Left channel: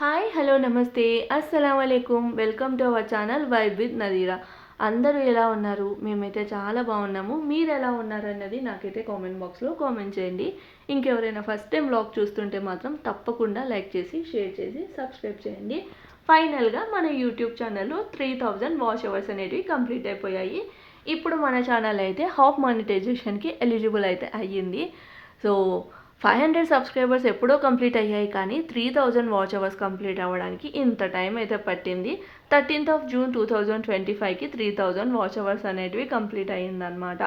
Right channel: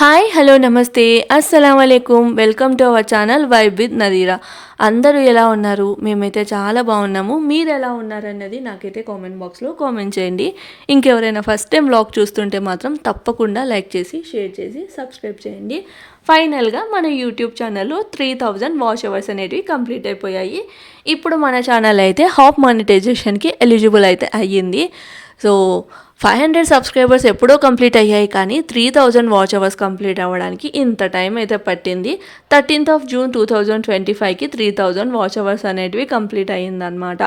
Hi hello నమస్తే అస్సలామలైకుం welcome to our channel vibe with Nadira. అందరూ ఎలా ఉన్నారు? మేమైతే చాలా బాగున్నాము. మీరు ఎలా ఉన్నారన్నది నాకైతే కామెంట్ బాక్స్లో కామెంట్ చేయండి. ఇంకెవరైనా ఫస్ట్ టైం వ్లాగ్ చూస్తుంటే మాత్రం తప్పకుండా లైక్ చేసి షేర్ చేసి సబ్స్క్రైబ్ చేయండి. ఫైనల్గా మన యూట్యూబ్ ఛానల్లో 3000 వాచ్ అవర్స్ అనేటివి కంప్లీట్ అయిపోయాయి. ఇప్పుడు మన ఛానల్ అయితే హాఫ్ మానిటైజేషన్కి ఎలిజిబుల్ అయితే అయ్యింది. సో 500 సబ్స్క్రైబర్స్ ఎప్పుడో కంప్లీట్ అయ్యాయి, కానీ 3000 వాచ్ అవర్స్ కంప్లీట్ అవ్వడానికి ఇంత టైం అయితే పట్టింది. 13th June 2025కి 3000 వాచ్ అవర్స్ అనేటివి కంప్లీట్ అయ్యిందనమాట.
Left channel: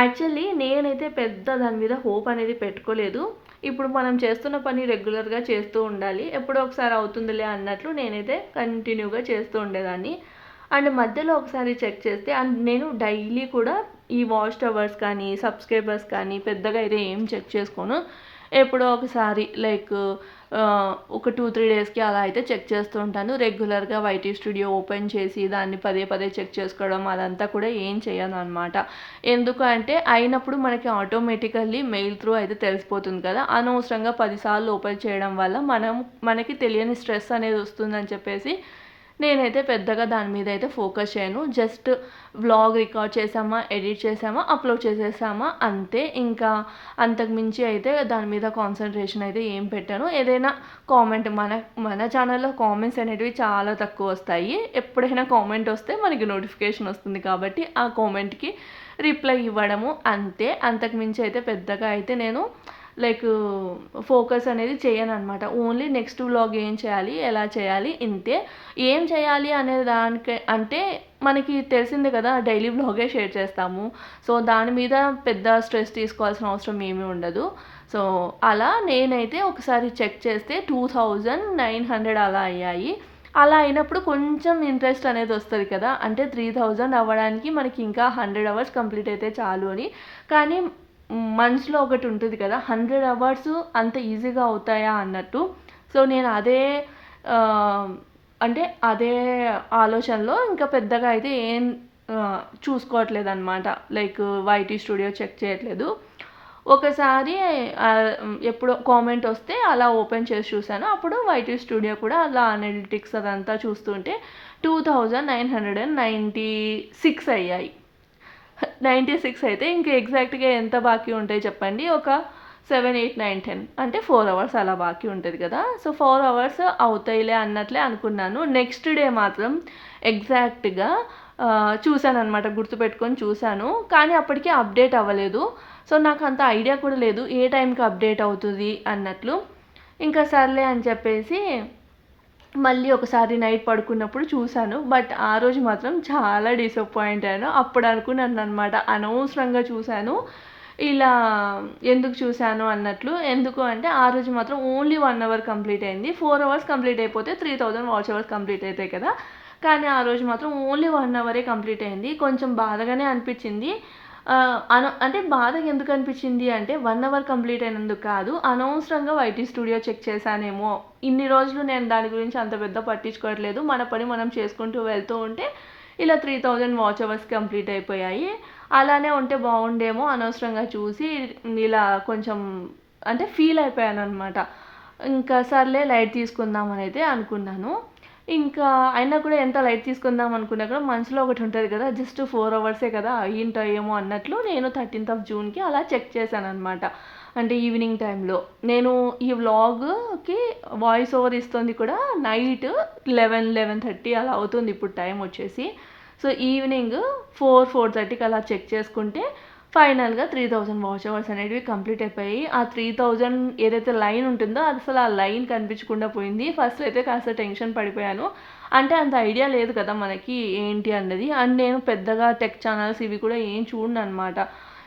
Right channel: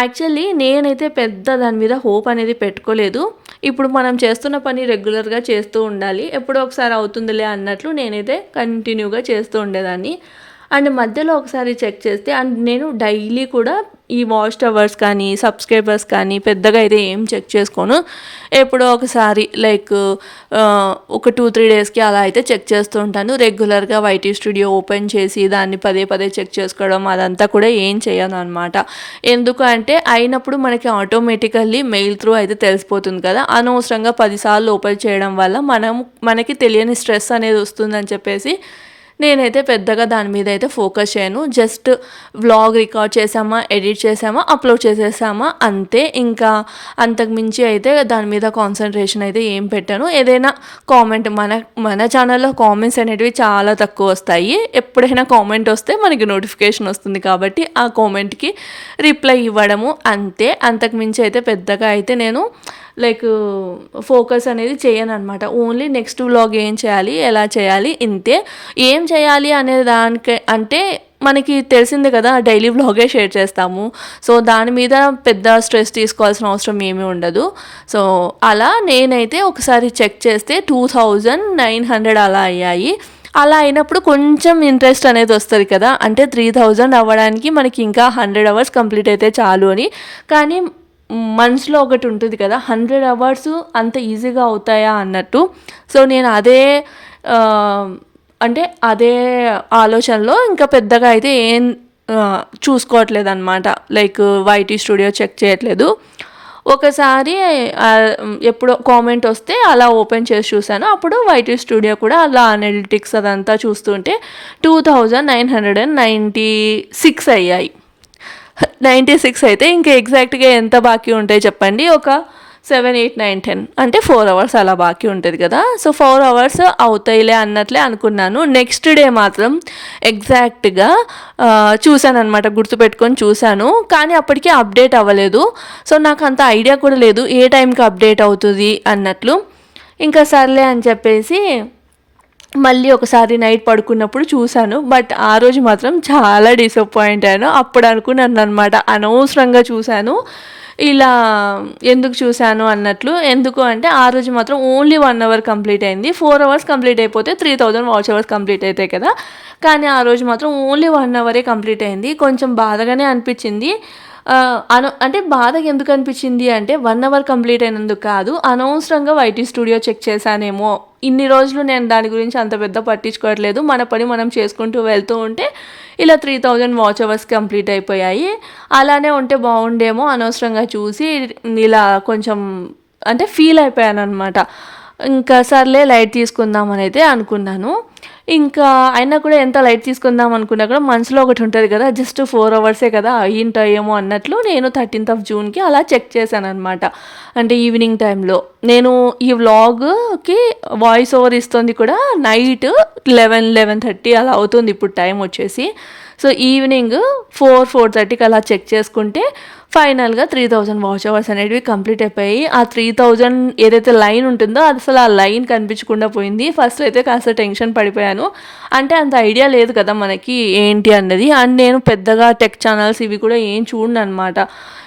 యాక్చువల్లీ నేనైతే పెద్ద దాని మీద హోప్ అనేది పెట్టుకోలేదు. ఇప్పుడు మనం చేస్తున్న పని రెగ్యులర్గా చేస్తూ ఉండాలి, ఎప్పుడో ఒకసారి అవుతుందిలే అన్నట్లు నేనైతే కంటిన్యూగా చేస్తూ ఉండేదాన్ని. అండ్ మధ్యలో ఒకసారి చెక్ చేస్తే, అండ్ నేను డైలీ కూడా ఈ వాచ్ అవర్స్ కానీ సబ్స్క్రైబర్స్ కానీ పెద్దగా అయితే ఏం చెక్ చేసుకోను. ఎప్పుడో ఒకసారి లైక్ ఒక 2-3 డేస్కి అలా అయితే చెక్ చేస్తూ ఉంటాను. రెగ్యులర్గా వైటీ స్టూడియో ఓపెన్ చేసి దాన్ని పదే పదే చెక్ చేసుకోవడం అదంతా కూడా ఏం చేయను అనమాట. ఎందుకు అంటే అయినప్పుడు మనకి ఆటోమేటికల్లీ మెయిల్ త్రూ అయితే తెలిసిపోతుంది కదా. అనవసరంగా 10 సార్లు ఓపెన్ చేయడం వల్ల మనకి తెలియని స్ట్రెస్ అనేది వస్తుందని చెప్పేసి నేనైతే పెద్దగా దాని మీద అయితే ఫోకస్ చేయను. జస్ట్ వ్లాగ్ రికార్డ్ చేసామా, ఎడిట్ చేసామా, అప్లోడ్ చేసేసామా అంతే. ఇంకా అంతకుమించి అయితే దాని మీద కాన్సన్ట్రేషన్ అయితే ఏం పెట్టాను. ఏదైనా కామెంట్ మన ఛానల్లో కామెంట్స్ అనేటివి చాలా తక్కువ వస్తాయి. ఎప్పుడైనా కామెంట్ వస్తే మనకి నోటిఫికేషన్ వస్తుంది కాబట్టి ఆ కామెంట్కి రిప్లై ఇవ్వడము అంతే. అంతకుమించి అయితే పెద్దగా అయితే నేను లైక్ ఫోకస్ అనేది చేయను అనమాట. ఓన్లీ నెక్స్ట్ వ్లాగ్ ఏం చేయాలి, ఎలా చేయాలి, ఇంతే. ఏం చేయాలి అనే దానికి అంటే మనకి తెలిసిందే కదా, డైలీ వ్లాగే షేర్ చేస్తాము. సో దాని మీద పెద్ద స్ట్రెస్ తీసుకోవాల్సిన అవసరం ఏమీ ఉండదు. సో అలా నేనైతే ఒకసారి చెక్ చేస్తే 2900 అలా అయ్యాయి. అలా అయినప్పుడు కొంచెం ఇంట్రెస్ట్ అనేది వస్తుంది కదా, అంటే 3000 అవ్వడానికి మనకి ఇంకా 100 అవర్స్ కంప్లీట్ అయితే చాలు అని. కానీ మనసులో ఒకటి ఉంటుంది కదా, 100 అవర్స్ అంత ఈజీగా అవుతాయా అన్నట్టు. సో నేను అదే ఆలోచనలో ఇంకా పెద్దగా అయితే ఏం చూసుకోవట్లేదు అనమాట. లైక్ వైటీ స్టూడియో చెక్ చేయట్లేదు. ఒకసారి ఎప్పుడో కామెంట్ వస్తే అలా ఓపెన్ చేసి చూశాను. అప్పుడు వైటీ స్టూడియో కూడా అలా అనలిటిక్స్ అదంతా చూస్తుంటే 2996 అయ్యాయి. 96 అయితే ఇంకా ఎగ్జాక్ట్గా ఎంత బాకీ ఉంటాయి చెప్పండి? ఒక 7, 8, 9, 10 అంటే 4 అవర్స్ అలా బాకీ ఉంటుంది కదా. సో 4 అవర్స్ అవుతాయిలే అన్నట్లే అనుకున్నాను. నెక్స్ట్ డే మాత్రం ఎగ్జాక్ట్గా చూశాను అనమాట, గుర్తుపెట్టుకొని చూశాను. కానీ అప్పటికి అప్డేట్ అవ్వలేదు. సో నాకు అంత ఐడియా కూడా లేదు ఏ టైంకి అప్డేట్ అవుతుంది అన్నట్లు. ఇంకా సర్లే అని చెప్పేసి మళ్ళీ ఒకసారి నైట్ పడుకున్నప్పుడు చూశాను. బట్ ఆ రోజు మాత్రం చాలా డిసప్పాయింట్ అయ్యాను. అప్పుడు అనుకున్నాను అనమాట, అనవసరంగా చూశాను, ఇలా ఎందుకు చూశాను అన్నట్లు. ఎందుకు అంటే ఆ రోజు మాత్రం ఓన్లీ 1 అవర్ కంప్లీట్ అయింది. 4 అవర్స్ కంప్లీట్ అయిపోతే 3000 వాచ్ అవర్స్ కంప్లీట్ అవుతాయి కదా. కానీ ఆ రోజు మాత్రం ఓన్లీ 1 అవరే కంప్లీట్ అయింది. కొంచెం బాధగానే అనిపించింది. అంటే బాధగా ఎందుకు అనిపించింది అంటే 1 అవర్ కంప్లీట్ అయినందుకు కాదు, అనవసరంగా వైటీ స్టూడియో చెక్ చేశానేమో. ఇన్ని రోజులు నేను దాని గురించి అంత పెద్ద పట్టించుకోవట్లేదు, మన పని మనం చేసుకుంటూ వెళ్తూ ఉంటే ఇలా 3000 వాచ్ అవర్స్ కంప్లీట్ అయిపోయాయి. అలానే ఉంటే బాగుండేమో, అనవసరంగా చూసి ఇలా కొంచెం అంటే ఫీల్ అయిపోయాను అనమాట. ఇంకా సర్లే లైట్ తీసుకుందామని అయితే అనుకున్నాను. ఇంకా అయినా కూడా ఎంత లైట్ తీసుకుందాం అనుకున్నా కూడా మనసులో ఒకటి ఉంటుంది కదా, జస్ట్ 4 అవర్సే కదా అయ్యింటాయేమో అన్నట్లు నేను 13th Juneకి అలా చెక్ చేశాను అనమాట. అంటే ఈవినింగ్ టైంలో నేను ఈ వ్లాగ్కి వాయిస్ ఓవర్ ఇస్తుంది కూడా నైట్ 11-11:30 అలా అవుతుంది ఇప్పుడు టైం వచ్చేసి. సో ఈవినింగ్ 4-4:30కి అలా చెక్ చేసుకుంటే ఫైనల్గా 3000 వాచ్ అవర్స్ అనేటివి కంప్లీట్ అయిపోయాయి. ఆ 3000 ఏదైతే లైన్ ఉంటుందో అది అసలు ఆ లైన్ కనిపించకుండా పోయింది. ఫస్ట్ అయితే కాస్త టెన్షన్ పడిపోయాను. అంటే అంత ఐడియా లేదు కదా మనకి ఏంటి అన్నది. అండ్ నేను పెద్దగా టెక్ ఛానల్స్ ఇవి కూడా ఏం చూడను అనమాట.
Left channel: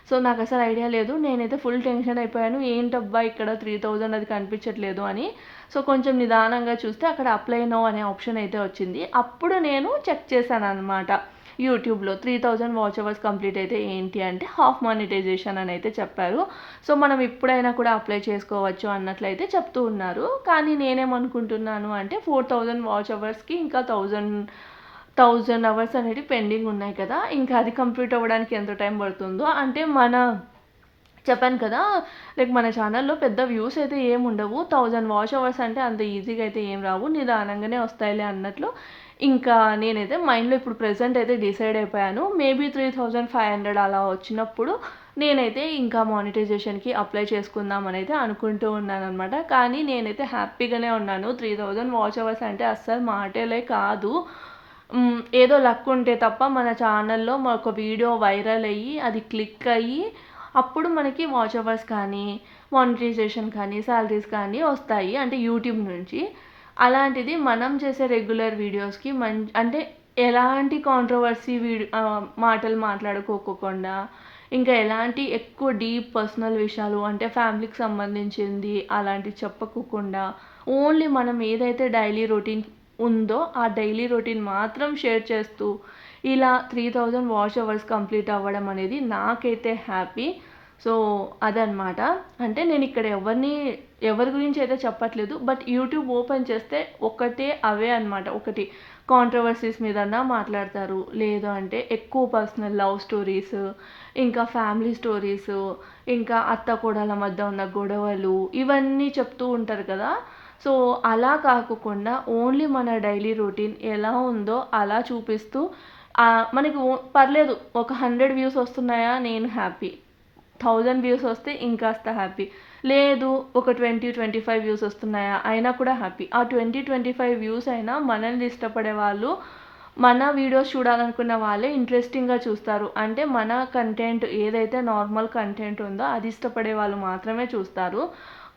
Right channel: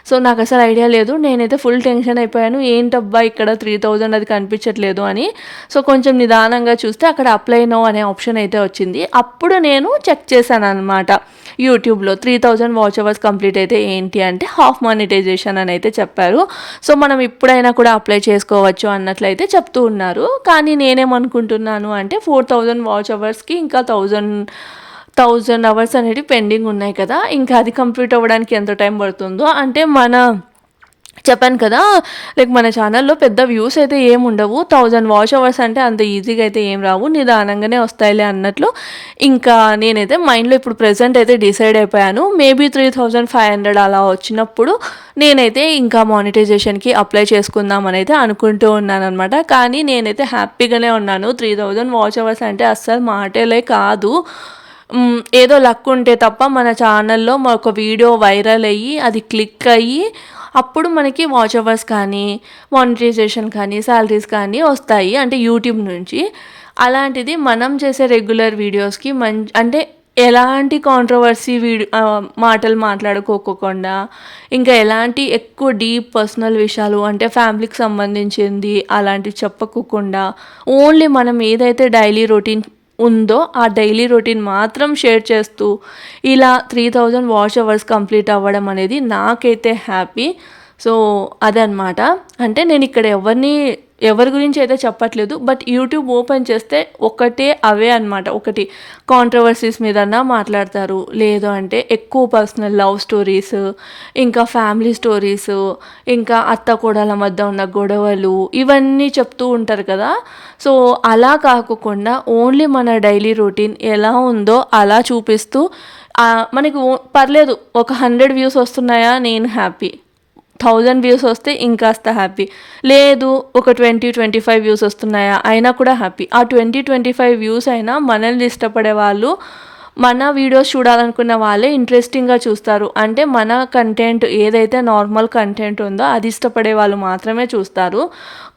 సో నాకు అసలు ఐడియా లేదు. నేనైతే ఫుల్ టెన్షన్ అయిపోయాను, ఏంటబ్బా ఇక్కడ 3000 అది కనిపించట్లేదు అని. సో కొంచెం నిదానంగా చూస్తే అక్కడ అప్లై నో అనే ఆప్షన్ అయితే వచ్చింది. అప్పుడు నేను చెక్ చేశాను అనమాట యూట్యూబ్లో 3000 వాచ్ అవర్స్ కంప్లీట్ అయితే ఏంటి అంటే హాఫ్ మానిటైజేషన్ అని అయితే చెప్పారు. సో మనం ఇప్పుడైనా కూడా అప్లై చేసుకోవచ్చు అన్నట్లయితే చెప్తూ ఉన్నారు. కానీ నేనేమనుకుంటున్నాను అంటే 4000 వాచ్ అవర్స్కి ఇంకా 1000 అవర్స్ అనేవి పెండింగ్ ఉన్నాయి కదా, ఇంకా అది కంప్లీట్ అవ్వడానికి ఎంత టైం పడుతుందో, అంటే మన చెప్పాను కదా, లైక్ మన ఛానల్లో పెద్ద వ్యూస్ అయితే ఏమి ఉండవు. 1000 వాచ్ అవర్స్ అంటే అంత ఈజీగా అయితే ఏం రావు, నిదానంగానే వస్తాయిలే అన్నట్లు. ఇంకా నేనైతే మైండ్లో ఇప్పుడు ప్రెజెంట్ అయితే డిసైడ్ అయిపోయాను, మేబీ 3500 అలా వచ్చినప్పుడు నేనైతే ఇంకా మానిటైజేషన్కి అప్లై చేసుకుందాం అని అయితే అనుకుంటూ ఉన్నాను అనమాట. కానీ నేనైతే హ్యాపీగానే ఉన్నాను. 3000 వాచ్ అవర్స్ అంటే అస్సలు మాటలే కాదు. ఏదో లక్ ఉంటే తప్ప మన ఛానల్లో ఒక వీడియో వైరల్ అయ్యి అది క్లిక్ అయ్యి అప్పుడు మనకి వాచ్ అవర్స్ కానీ మానిటైజేషన్ కానీ శాలరీస్ కానీ వస్తాయి, అంటే యూట్యూబ్ నుంచి. అలాంటిది మనం చేసే రెగ్యులర్ వీడియోస్కి అంటే ఎలాంటి కాంట్రవర్సీ మాటలు మాట్లాడుకోకుండా, ఇంకా ఎలాంటి ఎక్కువ డీప్ పర్సనల్ విషయాలు అంటే ఫ్యామిలీకి సంబంధించింది అలాంటివి చెప్పకోకుండా, ఓన్లీ మనం ఏదైతే డైలీ రొటీన్ ఉందో ఆ డైలీ రొటీన్ మాత్రం షేర్ చేస్తూ ఇలా 3000 వాచ్ అవర్స్ కంప్లీట్ అవ్వడం అనేది నాకైతే హ్యాపీ. సో అదనమాట. అంటే నేను ఇక్కడ ఎవరి గురించి అయితే చెప్పట్లేదు, బట్ యూట్యూబ్ ఓపెన్ చేస్తే ఒకటే అవే అనమాట. ఒకటి కాంట్రవర్సీస్ మీదన్నా మాట్లాడతారు, లేదు అంటే ఎక్కువ పర్సనల్ లవ్ స్టోరీస్, ఇంకా ఫ్యామిలీ స్టోరీస్, ఇంకా అత్త కోడల మధ్య ఉన్న గొడవలు, ఇవన్నీ చెప్తూ ఉంటారు కదా. సో అలా కాకుండా ఓన్లీ మన డైలీ రొటీన్ ఎలా ఉందో అలా చూపిస్తూ మనకి పర్లేదు, ఒక 100 వ్యూస్ వస్తున్నాయా నేను హ్యాపీ, 1000 వ్యూస్ వస్తే ఇంకాస్త హ్యాపీ, లేదు ఒక 20-25 వ్యూస్ వస్తున్నాయా అయినా కూడా హ్యాపీ. ఆ 20-25 వ్యూస్ అయినా మనల్ని ఇష్టపడే వాళ్ళు, మన వీడియోస్ చూడాలనుకున్న వాళ్ళే ఇంట్రెస్టింగ్గా చూస్తారు. అంటే మన కంటెంట్ ఏదైతే నార్మల్ కంటెంట్ ఉందో అది ఇష్టపడే వాళ్ళు మాత్రమే చూస్తారు.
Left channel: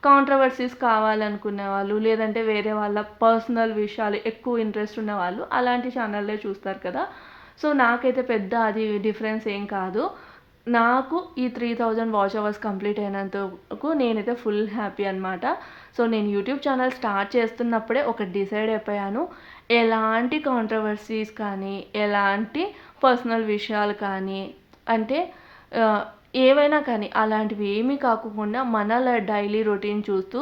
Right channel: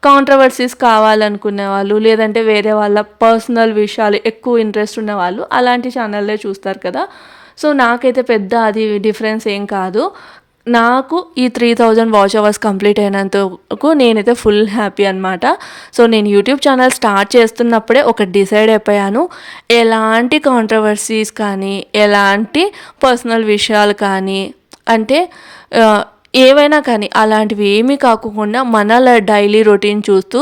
కాంట్రవర్సీస్ కావాలనుకునే వాళ్ళు, లేదంటే వేరే వాళ్ళ పర్సనల్ విషయాలు ఎక్కువ ఇంట్రెస్ట్ ఉన్న వాళ్ళు అలాంటి ఛానల్లే చూస్తారు కదా. సో నాకైతే పెద్ద అది డిఫరెన్స్ ఏం కాదు. నాకు ఈ 3000 వాచ్ అవర్స్ కంప్లీట్ అయినంతకు నేనైతే ఫుల్ హ్యాపీ అనమాట. సో నేను యూట్యూబ్ ఛానల్ స్టార్ట్ చేస్తున్నప్పుడే ఒకటి డిసైడ్ అయిపోయాను, ఎలాంటి కాంట్రవర్సీస్ కానీ ఎలాంటి పర్సనల్ విషయాలు కానీ అంటే ఏవైనా కానీ అలాంటివి ఏమీ కాకుండా మన డైలీ రొటీన్ చేస్తూ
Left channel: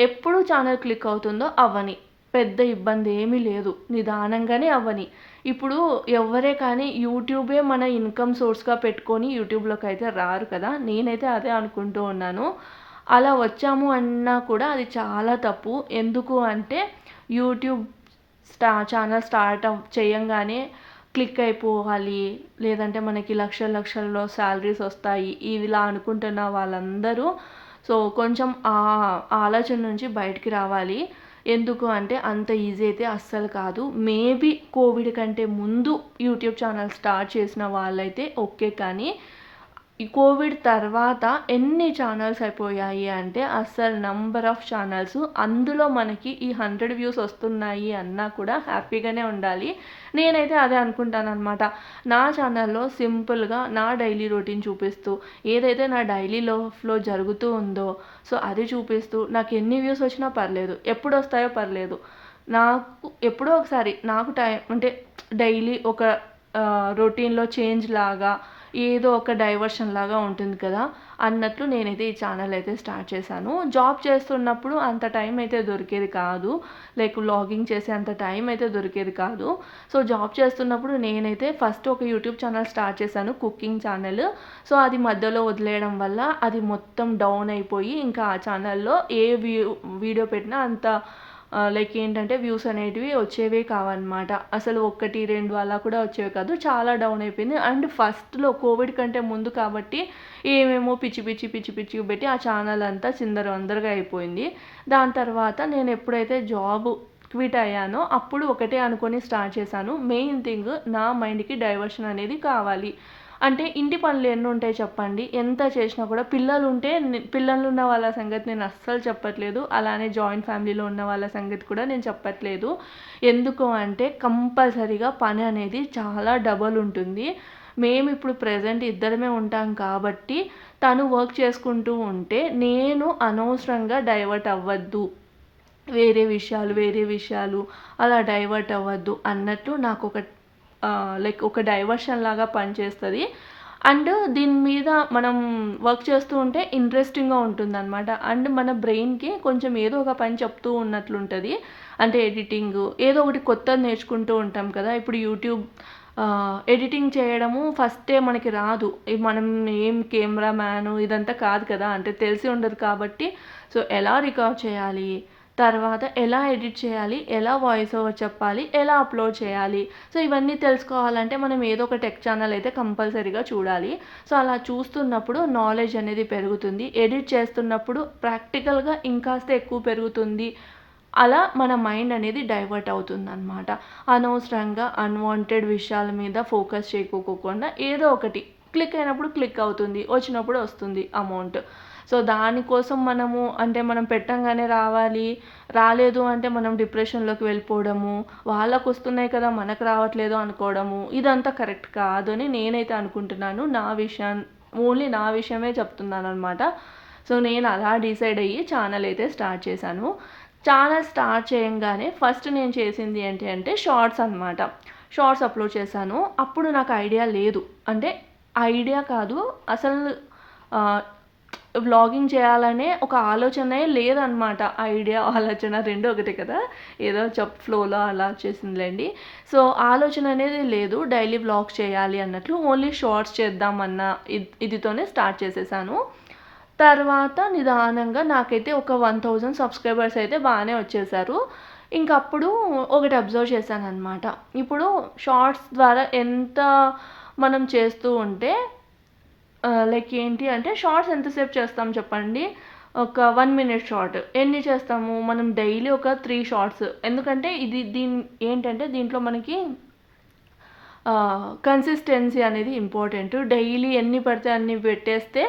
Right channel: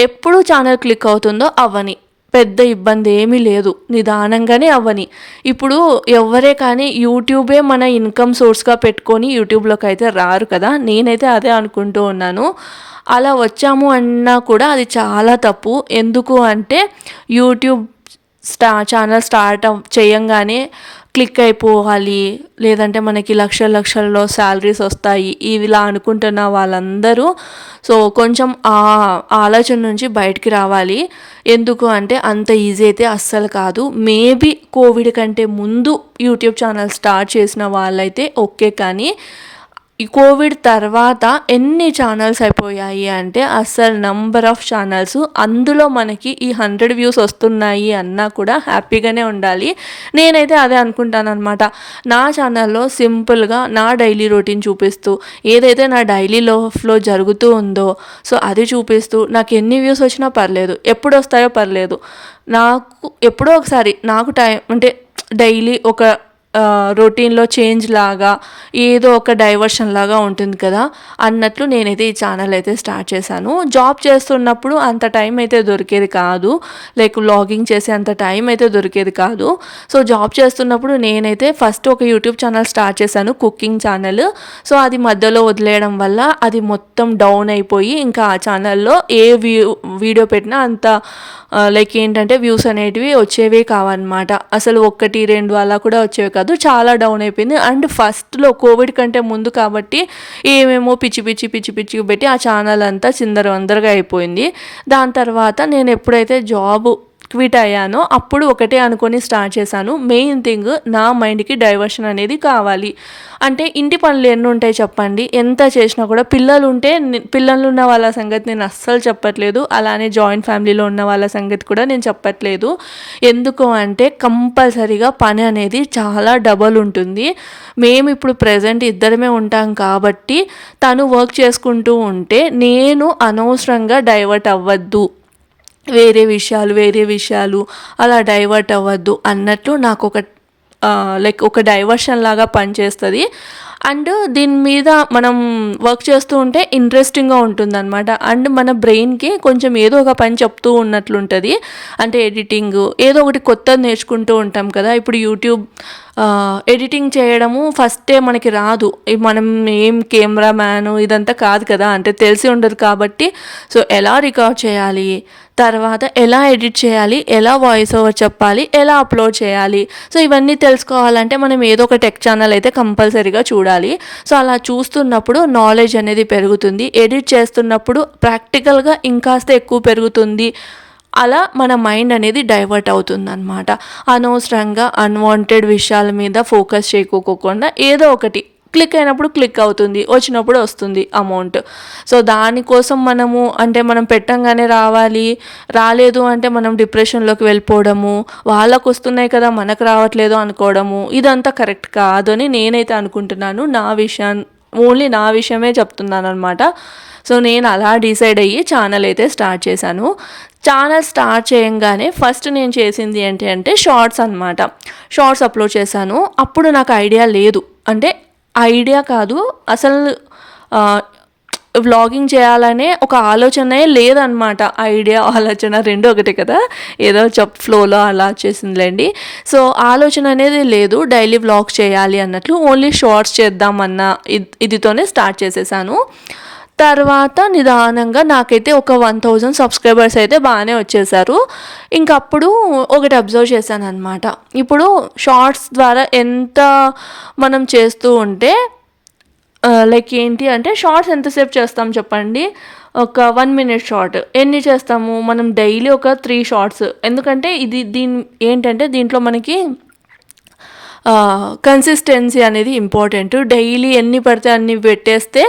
ఎప్పుడు ఛానల్ క్లిక్ అవుతుందో అవ్వని, పెద్ద ఇబ్బంది ఏమీ లేదు, నిదానంగానే అవ్వని. ఇప్పుడు ఎవరే కానీ యూట్యూబే మన ఇన్కమ్ సోర్స్గా పెట్టుకొని యూట్యూబ్లోకి అయితే రారు కదా, నేనైతే అదే అనుకుంటూ ఉన్నాను. అలా వచ్చాము అన్నా కూడా అది చాలా తప్పు. ఎందుకు అంటే యూట్యూబ్ ఛానల్ స్టార్ట్ చేయంగానే క్లిక్ అయిపోవాలి, లేదంటే మనకి లక్షల్లో శాలరీస్ వస్తాయి ఇలా అనుకుంటున్న వాళ్ళందరూ సో కొంచెం ఆ ఆలోచన నుంచి బయటికి రావాలి. ఎందుకు అంటే అంత ఈజీ అయితే అస్సలు కాదు. మేబీ కోవిడ్ కంటే ముందు యూట్యూబ్ ఛానల్ స్టార్ట్ చేసిన వాళ్ళైతే ఓకే, కానీ ఈ కోవిడ్ తర్వాత ఎన్ని ఛానల్స్ అయిపోయాయి అంటే అస్సలు నంబర్ ఆఫ్ ఛానల్స్, అందులో మనకి ఈ 100 వ్యూస్ వస్తున్నాయి అన్నా కూడా హ్యాపీగానే ఉండాలి. నేనైతే అదే అనుకుంటాను అనమాట. నా ఛానల్లో సింపుల్గా నా డైలీ రొటీన్ చూపిస్తూ, ఏదైతే నా డైలీ లైఫ్లో జరుగుతూ ఉందో సో అది చూపిస్తూ, నాకు ఎన్ని వ్యూస్ వచ్చినా పర్లేదు, ఎప్పుడు వస్తాయో పర్లేదు, నాకు ఎప్పుడో ఒకసారి నాకు టైం అంటే డైలీ ఒక రొటీన్లో చేంజ్ లాగా ఏదో ఒక డైవర్షన్ లాగా ఉంటుంది కదా అన్నట్లు నేనైతే ఈ ఛానల్ అయితే స్టార్ట్ చేశాను. జాబ్ చేస్తున్నప్పుడు అంత టైం అయితే దొరికేది కాదు, లైక్ వ్లాగింగ్ చేసే అంత టైం అయితే దొరికేది కాదు. సో జాబ్ చేస్తున్నప్పుడు నేనైతే ఫస్ట్ ఒక యూట్యూబ్ ఛానల్ స్టార్ట్ చేశాను, కుకింగ్ ఛానల్. సో అది మధ్యలో వదిలేయడం వల్ల అది మొత్తం డౌన్ అయిపోయి ఇంకా ఆ ఛానల్లో ఏ వీడియో పెట్టినా అంత లైక్ ఏంటంటే వ్యూస్ అనేటివి వచ్చేవే కావన్నమాట. అసలు 1-2 అలా కూడా వచ్చేవి కాదు, చాలా డౌన్ అయిపోయింది. అండ్ ఫస్ట్లో కోవిడ్ కంటే ముందు కాబట్టి ఏమేమో పిచ్చి పెట్టి ఆ ఛానల్ అంతా చిందరవందరగా అయిపోయింది. దాని తర్వాత నేను ఎప్పుడైతే జాబ్ క్విట్ అయ్యానో అప్పుడు ఒకటే అనుకొని స్టార్ట్ చేశాను, మెయిన్ థింగ్ నా మైండ్కి డైవర్షన్ అనేది కావాలి. అంటే ఇంటి పనులు ఎన్ని ఉంటాయి చెప్పండి, ఎంత చేసినా కూడా. పిల్లలు ఉన్న వాళ్ళ సంగతి నేను అస్సలు చెప్పట్లేదు, అలానే జాయింట్ ఫ్యామిలీలో ఉన్న వాళ్ళ సంగతి కూడా నేను చెప్పట్లేదు. ఎందుకు అంటే కంపల్సరీగా పని అనేది చాలా డబల్ ఉంటుంది. మేము ఇప్పుడు ప్రజెంట్ ఇద్దరమే ఉంటాం కాబట్టి తను వర్క్ చేసుకుంటూ ఉంటే నేను అనవసరంగా డైవర్ట్ అవ్వద్దు, వేరే విషయాలు అలా డైవర్ట్ అవ్వద్దు అన్నట్లు నాకు ఒక డైవర్షన్ లాగా పనిచేస్తుంది. అండ్ దీని మీద మనం వర్క్ చేస్తూ ఉంటే ఇంట్రెస్టింగ్గా ఉంటుందన్నమాట. అండ్ మన బ్రెయిన్కి కొంచెం ఏదో ఒక పని చెప్తూ ఉన్నట్లుంటుంది. అంటే ఎడిటింగ్ ఏదో ఒకటి కొత్తది నేర్చుకుంటూ ఉంటాం కదా. ఇప్పుడు యూట్యూబ్ ఎడిటింగ్ చేయడము ఫస్టే మనకి రాదు. మనం ఏం కెమెరామ్యాను ఇదంతా కాదు కదా, అంటే తెలిసి ఉండదు కాబట్టి సో ఎలా రికార్డ్ చేయాలి, తర్వాత ఎలా ఎడిట్ చేయాలి, ఎలా వాయిస్ ఓవర్ చెప్పాలి, ఎలా అప్లోడ్ చేయాలి, సో ఇవన్నీ తెలుసుకోవాలంటే మనం ఏదో ఒక టెక్ ఛానల్ అయితే కంపల్సరీగా చూడాలి. సో అలా చూస్తున్నప్పుడు నాలెడ్జ్ అనేది పెరుగుతుంది, ఎడిట్ చేస్తున్నప్పుడు ప్రాక్టికల్గా ఇంకాస్త ఎక్కువ పెరుగుతుంది. అలా మన మైండ్ అనేది డైవర్ట్ అవుతుందన్నమాట. అనవసరంగా అన్వాంటెడ్ విషయాల మీద ఫోకస్ చేయకోకుండా ఏదో ఒకటి క్లిక్ అయినప్పుడు క్లిక్ అవుతుంది, వచ్చినప్పుడు వస్తుంది అమౌంట్. సో దానికోసం మనం పెట్టంగానే రాలేదు అంటే మనం డిప్రెషన్లోకి వెళ్ళిపోవడము, వాళ్ళకు వస్తున్నాయి కదా మనకు రావట్లేదు అనుకోవడము, ఇదంతా కరెక్ట్ కాదు అని నేనైతే అనుకుంటున్నాను. ఓన్లీ నా విషయమే చెప్తున్నాను అనమాట. సో నేను అలా డిసైడ్ అయ్యి ఛానల్ అయితే స్టార్ట్ చేశాను. ఛానల్ స్టార్ట్ చేయంగానే ఫస్ట్ నేను చేసింది ఏంటి అంటే షార్ట్స్ అనమాట. షార్ట్స్ అప్లోడ్ చేశాను. అప్పుడు నాకు ఐడియా లేదు, అంటే ఐడియా కాదు అసలు వ్లాగింగ్ చేయాలనే ఒక ఆలోచనే లేదనమాట. ఆలోచన రెండు ఒకటే కదా, ఏదో ఫ్లోలో అలా వచ్చేసిందిలేండి. సో ఆలోచన అనేది లేదు డైలీ వ్లాగ్ చేయాలి అన్నట్లు, ఓన్లీ షార్ట్స్ చేద్దామన్న ఇదితోనే స్టార్ట్ చేసేసాను. తర్వాత నిదానంగా నాకైతే ఒక 1000 సబ్స్క్రైబర్స్ అయితే బాగానే వచ్చేసారు. ఇంకప్పుడు ఒకటి అబ్జర్వ్ చేశాను అనమాట. ఇప్పుడు షార్ట్స్ ద్వారా ఎంత మనం చేస్తూ ఉంటే లైక్ ఏంటి అంటే, షార్ట్స్ ఎంతసేపు చేస్తాం చెప్పండి? ఒక 1 minute షార్ట్ ఎన్ని చేస్తాము మనం? డైలీ ఒక 3 షార్ట్స్. ఎందుకంటే దీంట్లో మనకి కన్సిస్టెన్సీ అనేది ఇంపార్టెంట్. డైలీ ఎన్ని పడితే అన్ని పెట్టేస్తే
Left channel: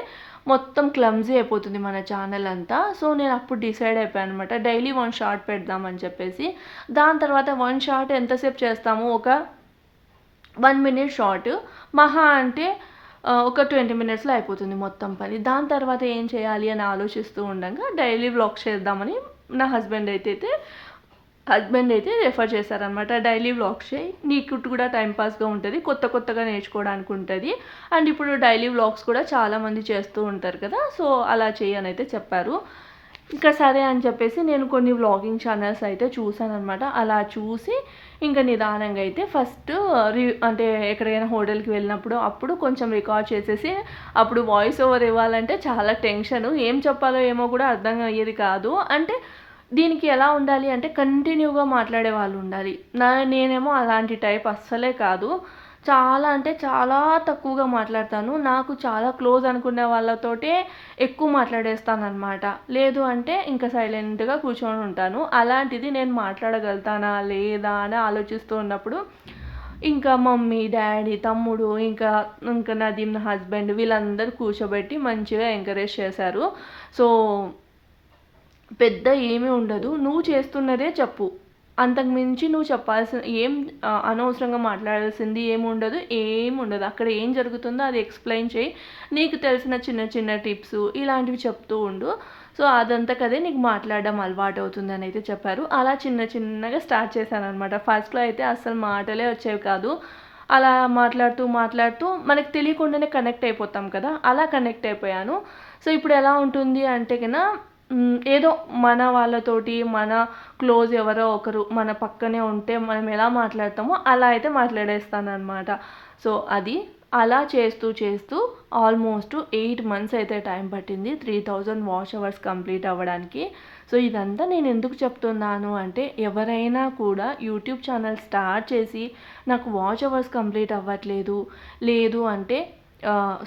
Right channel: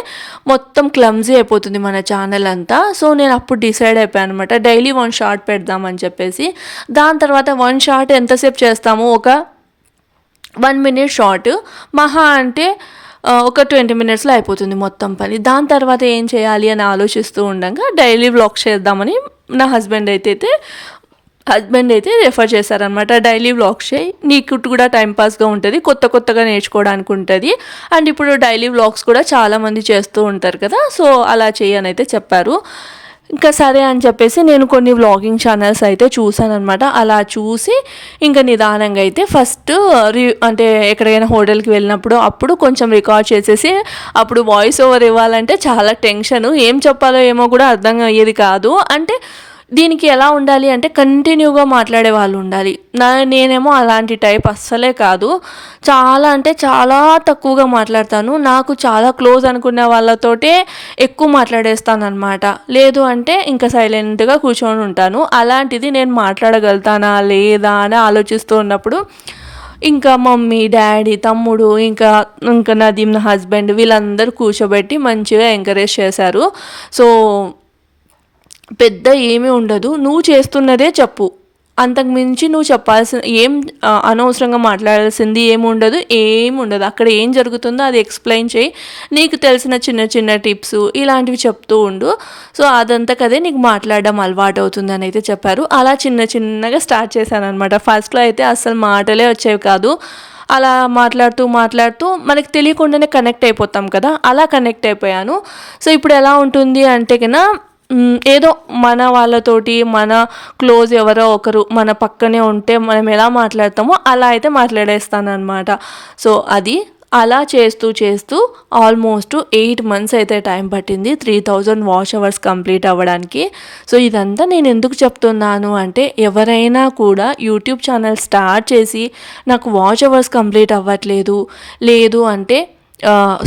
మొత్తం క్లమ్జీ అయిపోతుంది మన ఛానల్ అంతా. సో నేను అప్పుడు డిసైడ్ అయిపోయాను అనమాట, డైలీ 1 షార్ట్ పెడదామని చెప్పేసి. దాని తర్వాత 1 షార్ట్ ఎంతసేపు చేస్తాము? ఒక 1 minute షార్ట్, మహా అంటే ఒక 20 minutesలో అయిపోతుంది మొత్తం పని. దాని తర్వాత ఏం చేయాలి అని ఆలోచిస్తూ ఉండగా డైలీ వ్లాగ్ చేద్దామని నా హస్బెండ్ అయితే రెఫర్ చేశారనమాట. డైలీ వ్లాగ్స్ చేయి, నీకు కూడా టైంపాస్గా ఉంటుంది, కొత్తగా నేర్చుకోవడానికి ఉంటుంది, అండ్ ఇప్పుడు డైలీ వ్లాగ్స్ కూడా చాలామంది చేస్తూ ఉంటారు కదా, సో అలా చేయని అయితే చెప్పారు. ఇంకా సరే అని చెప్పేసి నేను కొన్ని వ్లాగింగ్ ఛానల్స్ అయితే చూసాను అనమాట. అలా చూసి ఇంకా నిదానంగా అయితే ఫస్ట్ అంటే ఎక్కడికైనా హోటల్కి వెళ్ళినప్పుడు అప్పుడు కొంచెం రికార్డ్ చేసేసి, అప్పుడు వాయిస్ ఓవర్ ఇవ్వాలంటే చాలా టెన్షను, ఏం చెప్పాలో ఏమో కూడా అర్థం అయ్యేది కాదు. అంటే దీనికి ఎలా ఉండాలి అంటే కంటిన్యూగా మాట్లాడే వాళ్ళు ఉండాలి. నేనేమో అలాంటి టైప్ అస్సలే కాదు, చాలా తక్కువగా మాట్లాడతాను. నాకు చాలా క్లోజ్ అనుకునే వాళ్ళతోటే ఎక్కువ మాట్లాడేస్తాను అనమాట. లేదు అంటే ఇంకా సైలెంట్గా కూర్చొని ఉంటాను. అలాంటిది నేను మాట్లాడగలుగుతానా లేదా అని ఆలోచిస్తూ ఉన్నప్పుడు ఇంకా మమ్మీ, డాడీ, తమ్ముడు, ఇంకా నదీమ్ నా హస్బెండ్, వీళ్ళందరూ కూర్చోబెట్టి మంచిగా ఎంకరేజ్ చేశారు. సో పెద్ద ఏమీ ఉండదు, నువ్వు చేస్తున్నదే చెప్పు, అంతకుమించి నువ్వు అనవసరంగా మాట్లాడాల్సింది ఏమి ఉండదు. అక్కడ ఏం జరుగుతుందో అది ఎక్స్ప్లెయిన్ చేయి, నీకు తెలిసిన చిన్న టిప్స్ ఇలాంటివి చెప్తూ ఉండు, సో అదంతా కదే నీకు మాట్లాడడం అలవాటు అవుతుంది అని అయితే చెప్పారు. అలా చిన్నగా స్టార్ట్ చేశాను అనమాట. ఫస్ట్లో అయితే అస్సలు మాటలే వచ్చేవి కాదు. అలా మాట్లాడుతూ మనకి తెలియకుండానే కనెక్ట్ అయిపోతాం కదా, అలా కనెక్ట్ అయిపోయాను. సో ఇప్పుడు ఎలా ఉంటుంది అంటే కన్నా, ఏదో మన వాళ్ళతోటి మన క్లోజ్ ఎవరో ఒకరు మన పక్కనే ఉంటే మనం ఎలా మాట్లాడతామో అలా అయితే మాట్లాడేస్తాను అనమాట. సో అది అలా చేస్తూ ఆల్మోస్ట్ 8 months అయితే టైం పట్టింది 3000 వాచ్ అవర్స్ కంప్లీట్ అవ్వడానికి. సో ఇదంతా నేను ఎందుకు చెప్తున్నాను అంటే, ఎవరైనా కూడా యూట్యూబ్ ఛానల్ స్టార్ట్ చేసి నాకు వాచ్ అవర్స్ కంప్లీట్ అవ్వట్లేదు, లేదు అంటే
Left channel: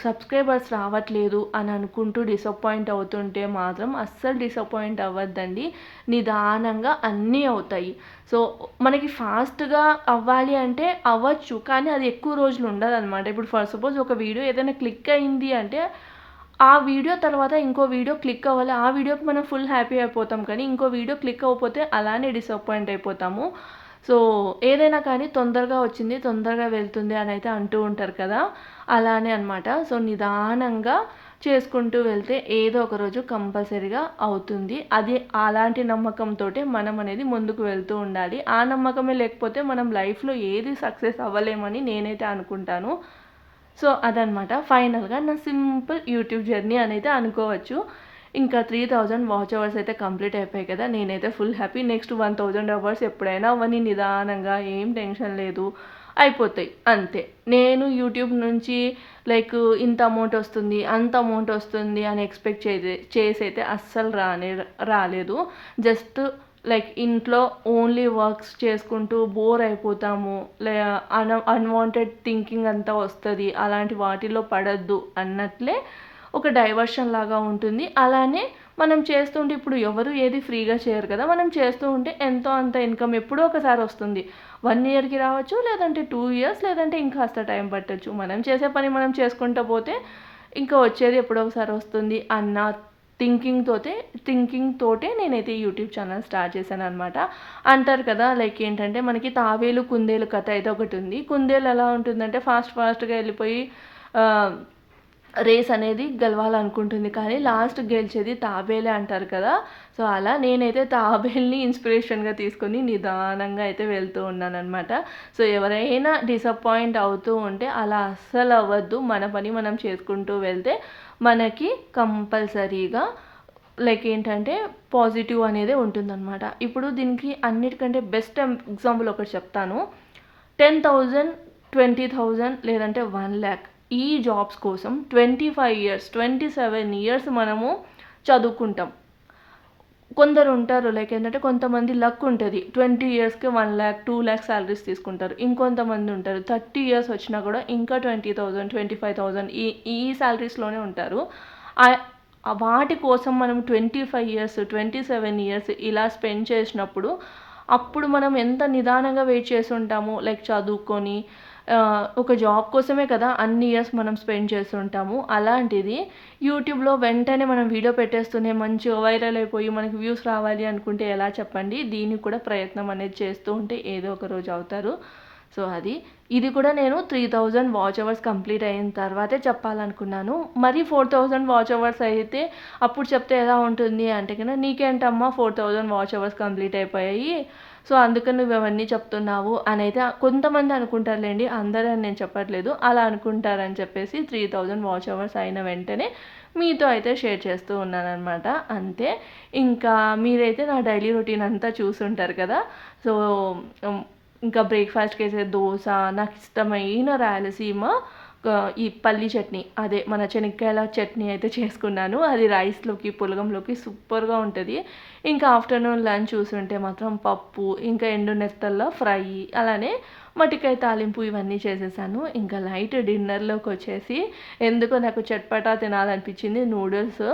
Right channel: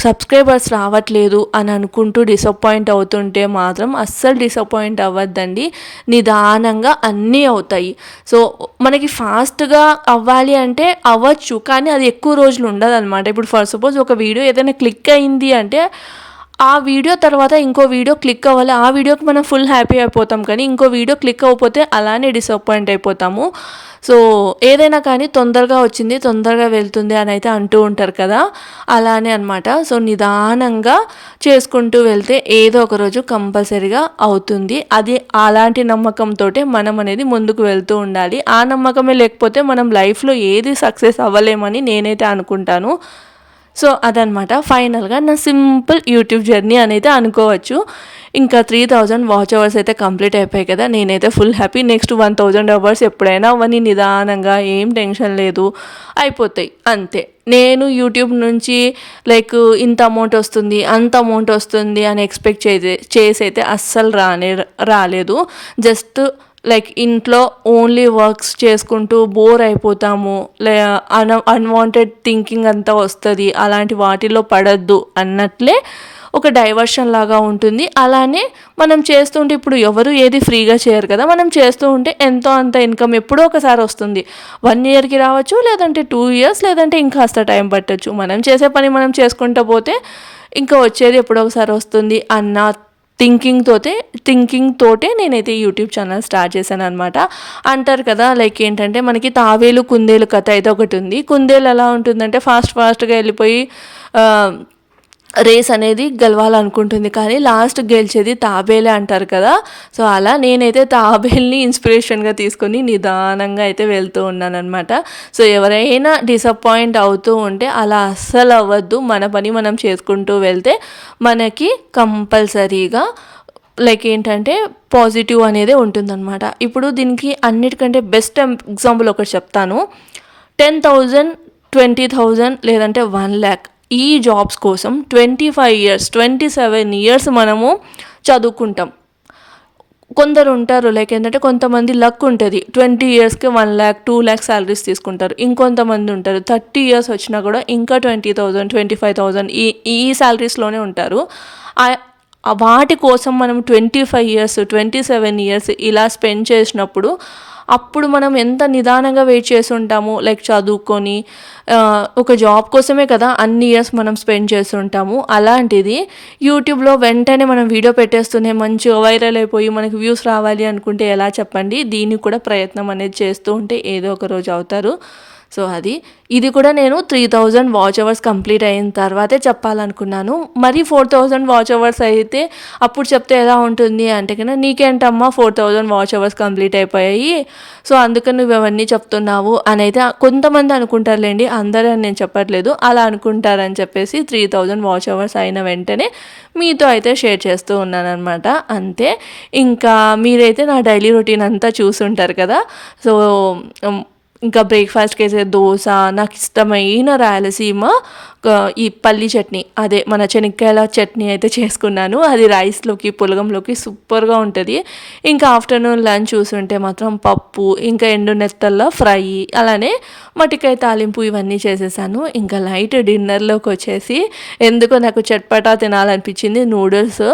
సబ్స్క్రైబర్స్ రావట్లేదు అని అనుకుంటూ డిసప్పాయింట్ అవుతుంటే మాత్రం అస్సలు డిసప్పాయింట్ అవ్వద్దండి. నిదానంగా అన్నీ అవుతాయి. సో మనకి ఫాస్ట్గా అవ్వాలి అంటే అవ్వచ్చు, కానీ అది ఎక్కువ రోజులు ఉండదు అనమాట. ఇప్పుడు ఫర్ సపోజ్ ఒక వీడియో ఏదైనా క్లిక్ అయింది అంటే ఆ వీడియో తర్వాత ఇంకో వీడియో క్లిక్ అవ్వాలి, ఆ వీడియోకి మనం ఫుల్ హ్యాపీ అయిపోతాం, కానీ ఇంకో వీడియో క్లిక్ అవ్వకపోతే అలానే డిసప్పాయింట్ అయిపోతాము. సో ఏదైనా కానీ తొందరగా వచ్చింది తొందరగా వెళ్తుంది అని అయితే అంటూ ఉంటారు కదా, అలానే అనమాట. సో నిదానంగా చేసుకుంటూ వెళ్తే ఏదో ఒక రోజు కంపల్సరీగా అవుతుంది. అది అలాంటి నమ్మకంతో మనం అనేది ముందుకు వెళ్తూ ఉండాలి. ఆ నమ్మకమే లేకపోతే మనం లైఫ్లో ఏది సక్సెస్ అవ్వలేమని నేనైతే అనుకుంటాను. సో అదనమాట ఫైనల్గా నా సింపుల్ యూట్యూబ్ జర్నీ అనేది అనుకోవచ్చు. ఇంకా 3000 వాచ్ అవర్స్ అయితే కంప్లీట్ అయిపోయాయి కదా, నేనైతే ఫుల్ హ్యాపీ. నెక్స్ట్ 1000 అవర్స్ ఎప్పుడైనా అవన్నీ నిదానంగా, ఏం టెన్షన్ లేదు, అయిపోతాయి అంతే. నేను యూట్యూబ్ నుంచి లైక్ ఇంత అమౌంట్ వస్తుంది, అంత అమౌంట్ వస్తుంది అని ఎక్స్పెక్ట్ చేసి అయితే అస్సలు రాలేదు. జస్ట్ లైక్ ఇంట్లో ఓన్లీ వర్క్స్ చేసుకుంటూ బోర్ అయిపోతాము, అన్వాంటెడ్ థింకింగ్ అంతా వస్తుంది, అలాంటి వాటిలో పడద్దు అన్నట్లే ఒక డైవర్షన్ లాగా ఉంటుంది. అలానే మనం చేస్తుంటే ఇప్పుడు ఎవరు ఏది ఫ్రీగా చేయరు కదా, మనం చేస్తూ ఉంటే ఎంతో అంత ఇన్కమ్ ఎప్పుడో ఒకసారి వస్తుంది. 1 ఇయర్కి రావచ్చు, లేదంటే 2 ఇయర్స్, లేదంటే ఇంకాస్త టైం పట్టచ్చు. మనం చేసే పని మనం చేసుకుంటూ పోతే ఇంకా వచ్చేది ఎప్పుడో ఒకసారి వస్తుంది అన్న థింకింగ్ తోటే నేనైతే యూట్యూబ్ ఛానల్ స్టార్ట్ చేశాను అనమాట. అంటారు కదా లైక్ ఏంటంటే మనకి తావేలు కుందేలు కథ అయితే ఒకటి ఉంది. కుందేలు ఎలా ఉంటుందంటే ఫాస్ట్గా వెళ్ళిపోయి రేస్ అనేది గెలవాలనుకుంటుంది, కానీ లాస్ట్ గెలిచేది తాబేలే అంటారు కదా. సో అలా నేనైతే తాబేల్ని ఇన్స్పిరేషన్గా తీసుకొని నిదానంగా అయితే వెళ్తూ ఉన్నాను అనమాట. సో ఎవరైనా డిసప్పాయింట్ అవుతూ ఉంటే అలా అస్సలు అవ్వద్దు. మన పని మనం చేసుకుంటూ వెళ్తే మనకి కంపల్సరీగా లైక్ ఏంటంటే పాజిటివ్ అనేది ఉంటుందన్నమాట. ఇప్పుడు దీనికి అన్నిటికంటే బెస్ట్ ఎగ్జాంపుల్ ఒకటి చెప్తాను. 10,000, 20,000 లేదంటే 1,00,000 ఈ జాబ్స్ కోసం 25 ఇయర్స్, 27 ఇయర్స్ మనము చదువుకుంటాం. కొందరు ఉంటారు లైక్ ఏంటంటే కొంతమంది లక్ ఉంటుంది, 20 ఇయర్స్కి 1,00,000, 2,00,000 శాలరీస్ తీసుకుంటారు. ఇంకొంతమంది ఉంటారు 30 ఇయర్స్ వచ్చినా కూడా ఇంకా 20,000, 25,000 ఈ శాలరీస్లోనే ఉంటారు. వాటి కోసం మనం 25 ఇయర్స్, 27 ఇయర్స్ ఇలా స్పెండ్ చేసినప్పుడు అప్పుడు మనం ఎంత నిదానంగా వెయిట్ చేసి ఉంటాము. లైక్ చదువుకొని ఒక జాబ్ కోసమే కదా అన్ని ఇయర్స్ మనం స్పెండ్ చేసి ఉంటాము. అలాంటిది యూట్యూబ్లో వెంటనే మనం వీడియో పెట్టేస్తూనే మంచిగా వైరల్ అయిపోయి మనకి వ్యూస్ రావాలి అనుకుంటే ఎలా చెప్పండి. దీనికి కూడా ప్రయత్నం అనేది చేస్తూ ఉంటే ఏదో ఒక రోజు అవుతారు. సో ఇది కూడా నేను 3000 వాచ్ అవర్స్ కంప్లీట్ అయిన తర్వాతే చెప్పాలనుకున్నాను. మరి 4000 వాచ్ అవర్స్ అయితే అప్పుడు చెప్తే ఎలా ఉంటుంది అంటే కన్నా, నీకేంటమ్మా 4000 వాచ్ అవర్స్ కంప్లీట్ అయిపోయాయి, సో అందుకని నువ్వు అవన్నీ చెప్తున్నావు అని అయితే కొంతమంది అనుకుంటారులేండి, అందరూ అని నేను చెప్పట్లేదు. అలా అనుకుంటారని చెప్పేసి 3000 వాచ్ అవర్స్ అయిన వెంటనే మీతో అయితే షేర్ చేస్తూ ఉన్నానమాట. అంతే. ఇంకా మీరైతే నా డైలీ రొటీన్ అంతా చూసుంటారు కదా. సో ఇంకా బ్రేక్ఫాస్ట్కి అయితే దోశ, నాకు ఇష్టమైన రాయలసీమ ఈ పల్లి చట్నీ, అదే మన శనక్కాయల చట్నీ అయితే చేసుకున్నాను. అది రైస్లోకి పులగంలోకి సూపర్గా ఉంటుంది. ఇంకా ఆఫ్టర్నూన్ లంచ్ చూసుంటే మాత్రం పప్పు, ఇంకా ఎండు నెత్తల్లో ఫ్రై, అలానే మటికాయ తాలింపు ఇవన్నీ చేసేసాను. ఇంకా లైట్ డిన్నర్లోకి వచ్చేసి ఎందుకో నాకు చట్పటా తినాలనిపించింది, నూడిల్స్.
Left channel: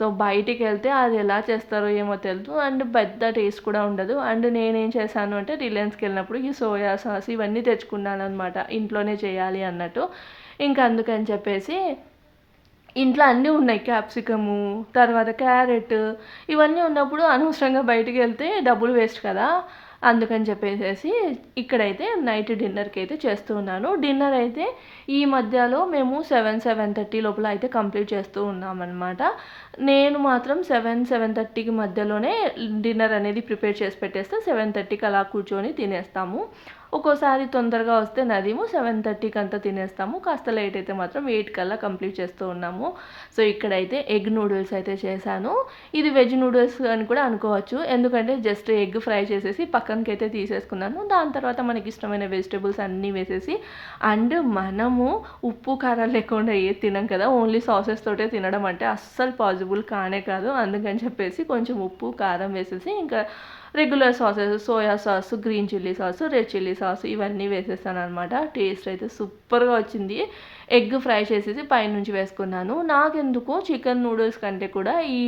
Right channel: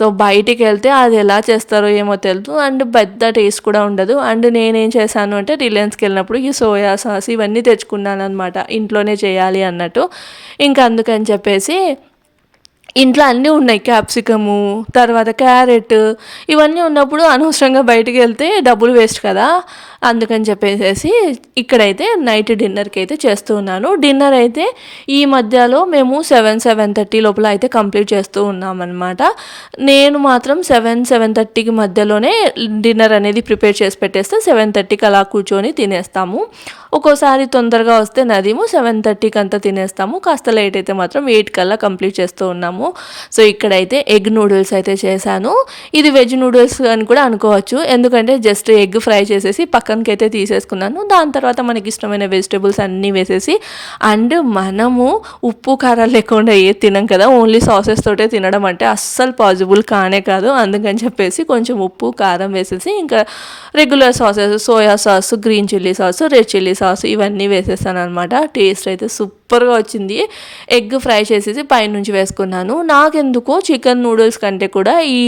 సో బయటికి వెళ్తే అది ఎలా చేస్తారో ఏమో తెలియదు, అండ్ పెద్ద టేస్ట్ కూడా ఉండదు. అండ్ నేనేం చేశాను అంటే రిలయన్స్కి వెళ్ళినప్పుడు ఈ సోయా సాస్ ఇవన్నీ తెచ్చుకున్నాను అనమాట, ఇంట్లోనే చేయాలి అన్నట్టు. ఇంకా అందుకని చెప్పేసి ఇంట్లో అన్నీ ఉన్నాయి, క్యాప్సికము, తర్వాత క్యారెట్, ఇవన్నీ ఉన్నప్పుడు అనవసరంగా బయటికి వెళ్తే డబ్బులు వేస్ట్ కదా. అందుకని చెప్పేసి ఇక్కడైతే నైట్ డిన్నర్కి అయితే చేస్తూ ఉన్నాను. డిన్నర్ అయితే ఈ మధ్యలో మేము 7-7:30 లోపల అయితే కంప్లీట్ చేస్తూ ఉన్నామన్నమాట. నేను మాత్రం 7-7:30కి మధ్యలోనే డిన్నర్ అనేది ప్రిపేర్ చేసి పెట్టేస్తే 7:30కి అలా కూర్చొని తినేస్తాము. ఒక్కోసారి తొందరగా వస్తే నదీము 7:30కి అంతా తినేస్తాము, కాస్త లేట్ అయితే మాత్రం 8 కల్లా కంప్లీట్ చేస్తూ ఉన్నాము. సో ఇక్కడైతే ఎగ్ నూడిల్స్ అయితే చేశాను. ఇది వెజ్ నూడిల్స్ అని కూడా అనుకోవచ్చు, ఎందుకంటే జస్ట్ ఎగ్ ఫ్రై చేసేసి పక్కనకి అయితే తీసేసుకున్నాను. దాని తర్వాత మనకి ఇష్టమైన వెజిటేబుల్స్ అన్నీ వేసేసి, అండ్ మనము ఉప్పు కారాలు లేకుండా ఏది తినం కదా, ఓన్లీ సాసెస్ తోటే తినడం అంటే అస్సలు పాసిబుల్ కానే కాదు. అందుకని చెప్పేసి కొంచెం ఉప్పు కారం వేసేసి ఇంకా regular sauces, soya sauce, green chilli sauce, red chilli sauce ఇవన్నీ వేసేసాను అనమాట. టేస్ట్ అయితే సూపర్గా వచ్చింది. ఎగ్ ఫ్రై చేసేసి పైనుంచి వేసుకున్నాను. నాకెందుకో చికెన్ నూడిల్స్ కంటే కూడా ఈ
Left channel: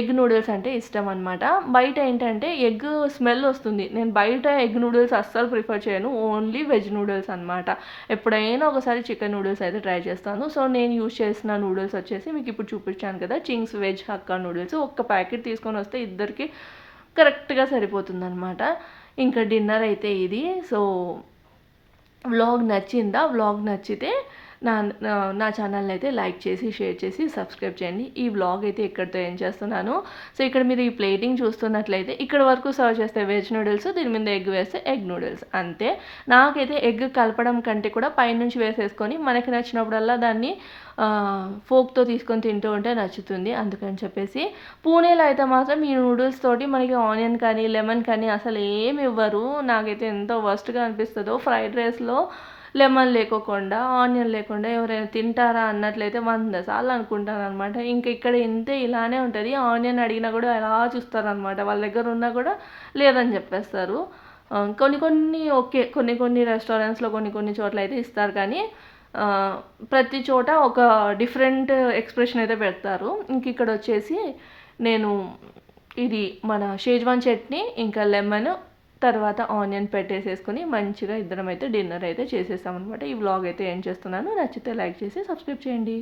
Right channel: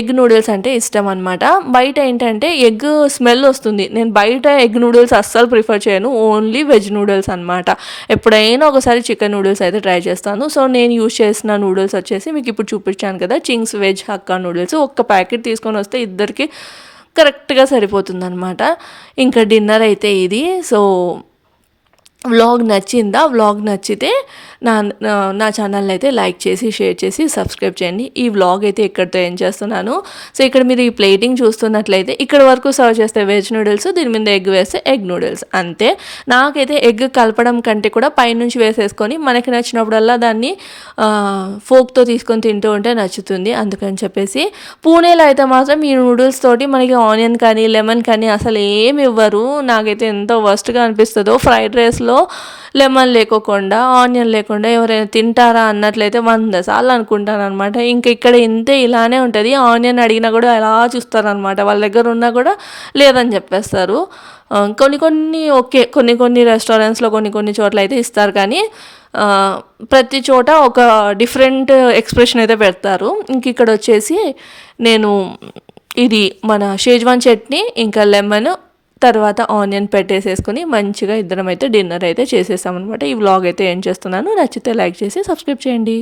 ఎగ్ నూడిల్స్ అంటే ఇష్టం అనమాట. బయట ఏంటంటే ఎగ్ స్మెల్ వస్తుంది, నేను బయట ఎగ్ నూడిల్స్ అస్సలు ప్రిఫర్ చేయను, ఓన్లీ వెజ్ నూడిల్స్ అనమాట. ఎప్పుడైనా ఒకసారి చికెన్ నూడిల్స్ అయితే ట్రై చేస్తాను. సో నేను యూజ్ చేసిన నూడిల్స్ వచ్చేసి మీకు ఇప్పుడు చూపించాను కదా, చింగ్స్ వెజ్ హక్కా నూడిల్స్. ఒక్క ప్యాకెట్ తీసుకొని వస్తే ఇద్దరికి కరెక్ట్గా సరిపోతుందన్నమాట. ఇంకా డిన్నర్ అయితే ఇది. సో వ్లాగ్ నచ్చిందా? వ్లాగ్ నచ్చితే నా నా ఛానల్ని అయితే లైక్ చేసి షేర్ చేసి సబ్స్క్రైబ్ చేయండి. ఈ వ్లాగ్ అయితే ఇక్కడితో ఏం చేస్తున్నాను. సో ఇక్కడ మీరు ఈ ప్లేటింగ్ చూస్తున్నట్లయితే ఇక్కడ వరకు సర్వ్ చేస్తే వెజ్ నూడిల్స్, దీని మీద ఎగ్ వేస్తే ఎగ్ నూడిల్స్ అంతే. నాకైతే ఎగ్ కలపడం కంటే కూడా పైనుంచి వేసేసుకొని మనకి నచ్చినప్పుడల్లా దాన్ని ఫోక్తో తీసుకొని తింటూ ఉంటే నచ్చుతుంది. అందుకని చెప్పేసి పూణేలో అయితే మాత్రం ఈ నూడిల్స్ తోటి మనకి ఆనియన్ కానీ లెమన్ కానీ అసలు ఏమి ఇవ్వరు. నాకైతే ఎంత వర్స్ట్గా అనిపిస్తుందో. ఫ్రైడ్ రైస్లో లెమన్ లేకోకుండా ఆనియన్ లేకుండా ఎవరైనా తింటారా అన్నట్లయితే 100 సార్లు అనుకుంటాను అనమాట. ఇంకా ఇక్కడ ఇంతే ఇలానే ఉంటుంది. ఆనియన్ అడిగినా కూడా అలా చూస్తారనమాట. వాళ్ళ దగ్గర ఉన్నా కూడా లేదని చెప్పేస్తారు. కొన్ని ఓకే, కొన్ని రెస్టారెంట్స్లో కొన్ని చోట్ల అయితే ఇస్తారు, కానీ ప్రతి చోట ఒక డిఫరెంట్ ఎక్స్ప్రెషన్ అయితే పెడతారు. ఇంక ఇక్కడ వచ్చేసి నేను ఇది మన షేజ్వాన్ చట్నీ ఇంకా లెమన్ తర్వాత ఆనియన్ పెట్టేసేసుకొని మంచిగా ఇద్దరం అయితే డిన్నర్ అయితే చేసేసామన్నమాట. ఈ వ్లాగ్ అయితే ఏం చేస్తున్నాను, నచ్చితే లైక్ చేసి సబ్స్క్రైబ్ చేయండి.